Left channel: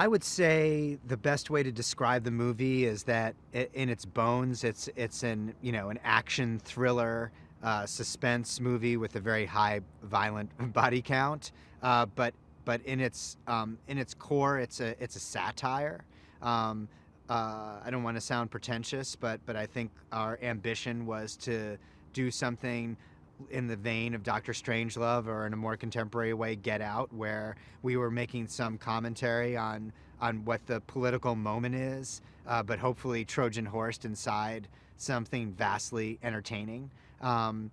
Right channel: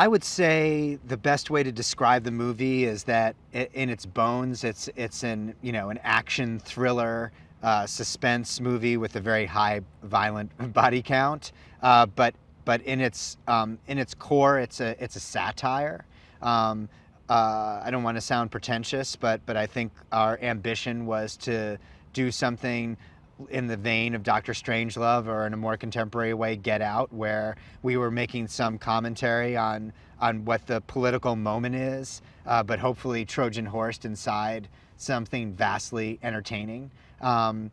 I would say the best way to describe the movie is that in its bones, it's an action thriller, suspense movie with a very high violent body count. But in its core, it's a satire. Um, I don't want to sound pretentious, but I think our ambition was to do something in the vein of Doctor Strangelove, or in a more contemporary way, Get Out, where we were making some commentary on what the political moment is, but hopefully Trojan horsed inside something vastly entertaining. Yeah,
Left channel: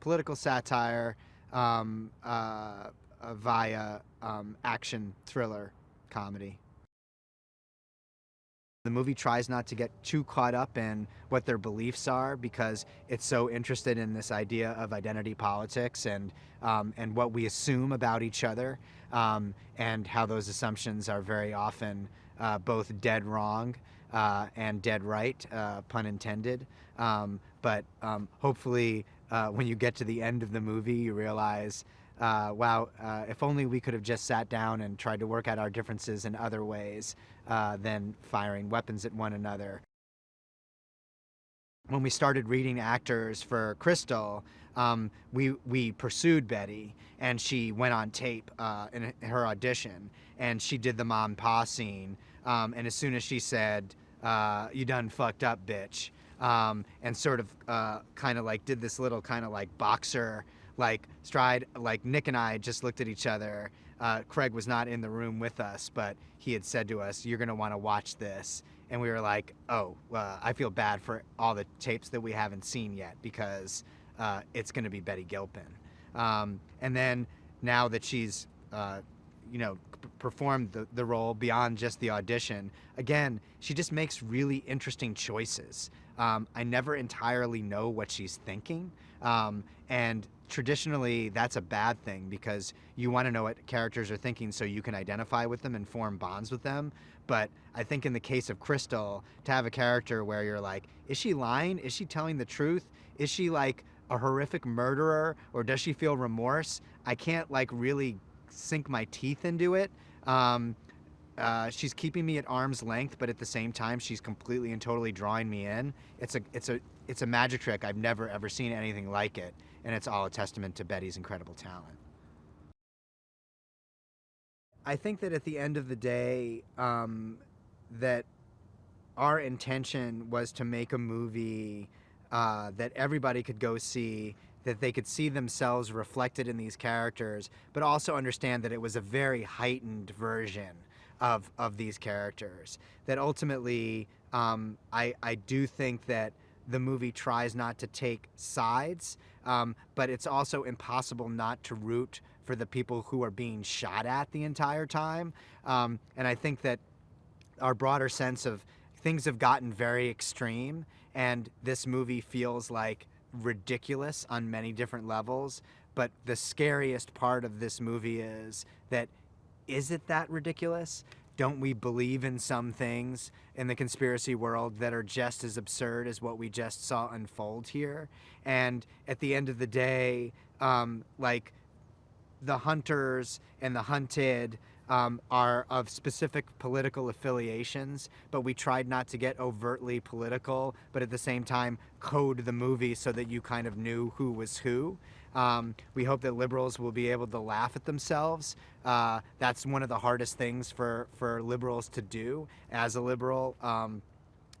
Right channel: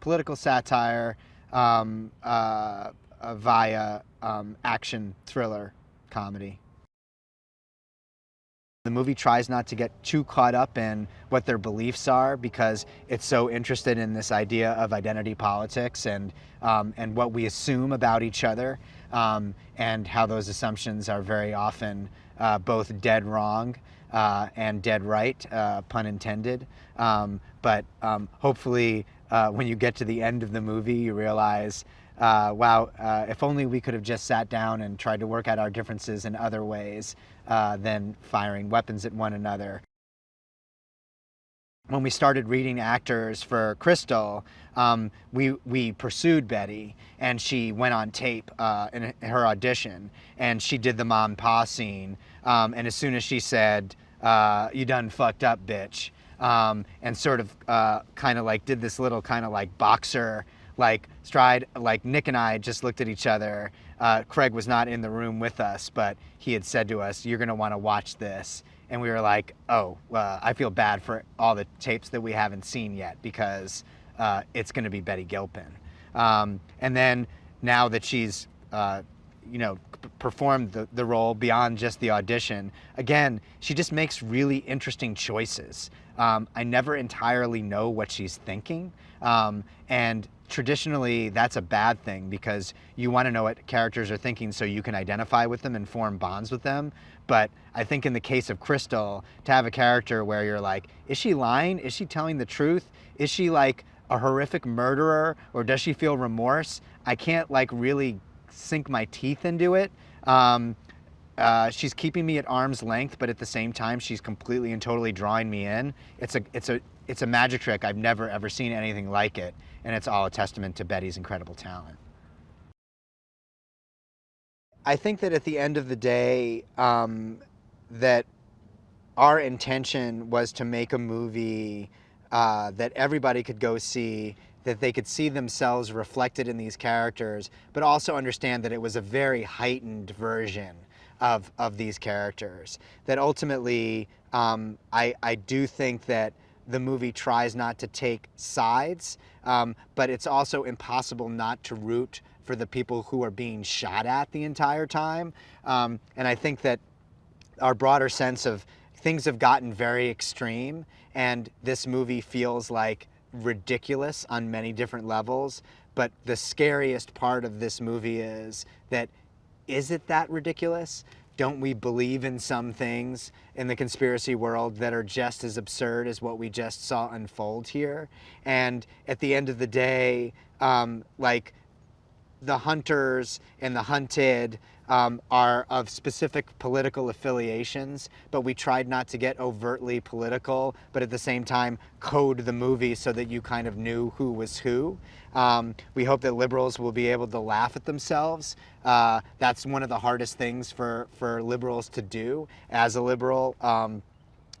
political satire via action thriller comedy. The movie tries not to get too caught up in what their beliefs are, because it's so interested in this idea of identity politics and what we assume about each other, and how those assumptions are very often both dead wrong and dead right, pun intended. But hopefully, when you get to the end of the movie, you realize, wow, if only we could have just sat down and tried to work out our differences in other ways than firing weapons at one another. When we started reading actors for Crystal, we pursued Betty, and she went on tape in her audition, and she did the mom and pa scene. And as soon as she said, "You done fucked up, bitch," and sort of kind of like did this little kind of like boxer like stride, like Nick and I just looked at each other. Craig was not in the room with us, but he had said to us, "You're going to want to watch this." And we were like, "Oh, I feel bad for all the tapes that we haven't seen yet, because it's going to be Betty Gilpin." And then now that she's, performed the role beyond just the audition, again, she just makes really interesting choices. I never entirely know what she's thinking. And traditionally, that's a bad thing, because you want to know what characters are thinking so you can identify with them and form bonds with them. But I think in the case of Crystal, to have a character where you're like, is she lying? Is she telling the truth? Is she like a horrific murderer, or does she feel remorse? I can't like really sink my teeth into it. She's keeping me at arm's length, but at the same time, she's completely and totally drawing me in. It's a magic trick. I've never ever seen anything like it, and it's all a testament to Betty's incredible talent. I think that at the end of the day, that our intention was to make a movie that everybody could go see, that they could see themselves reflected in these characters, but also understand that it was a very heightened version of these characters. That ultimately, I do think that the movie tries not to take sides, but it's also impossible not to root for the people who are being shot at the entire time. And I think that our broader sense of things have gotten very extreme, and this movie feels like ridiculous on many different levels. But the scariest part of this movie is that, is it that ridiculous? Don't we believe in some things in the conspiracy world that are just as absurd as what we just saw unfold here? And at the end of the day, like, the hunters and the hunted are of specific political affiliations, but we tried not to get overtly political, but at the same time code the movie so that you kind of knew who was who. We hope that liberals will be able to laugh at themselves. That's one of the hardest things for liberals to do. As a liberal,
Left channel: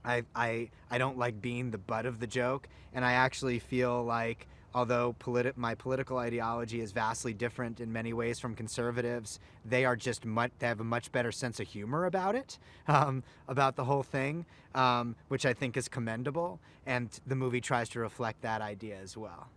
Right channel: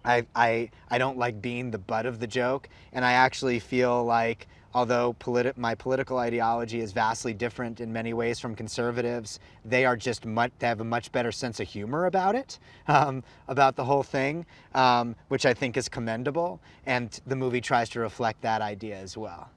I don't like being the butt of the joke, and I actually feel like, although my political ideology is vastly different in many ways from conservatives, they are just they have a much better sense of humor about it, about the whole thing, which I think is commendable, and the movie tries to reflect that idea as well.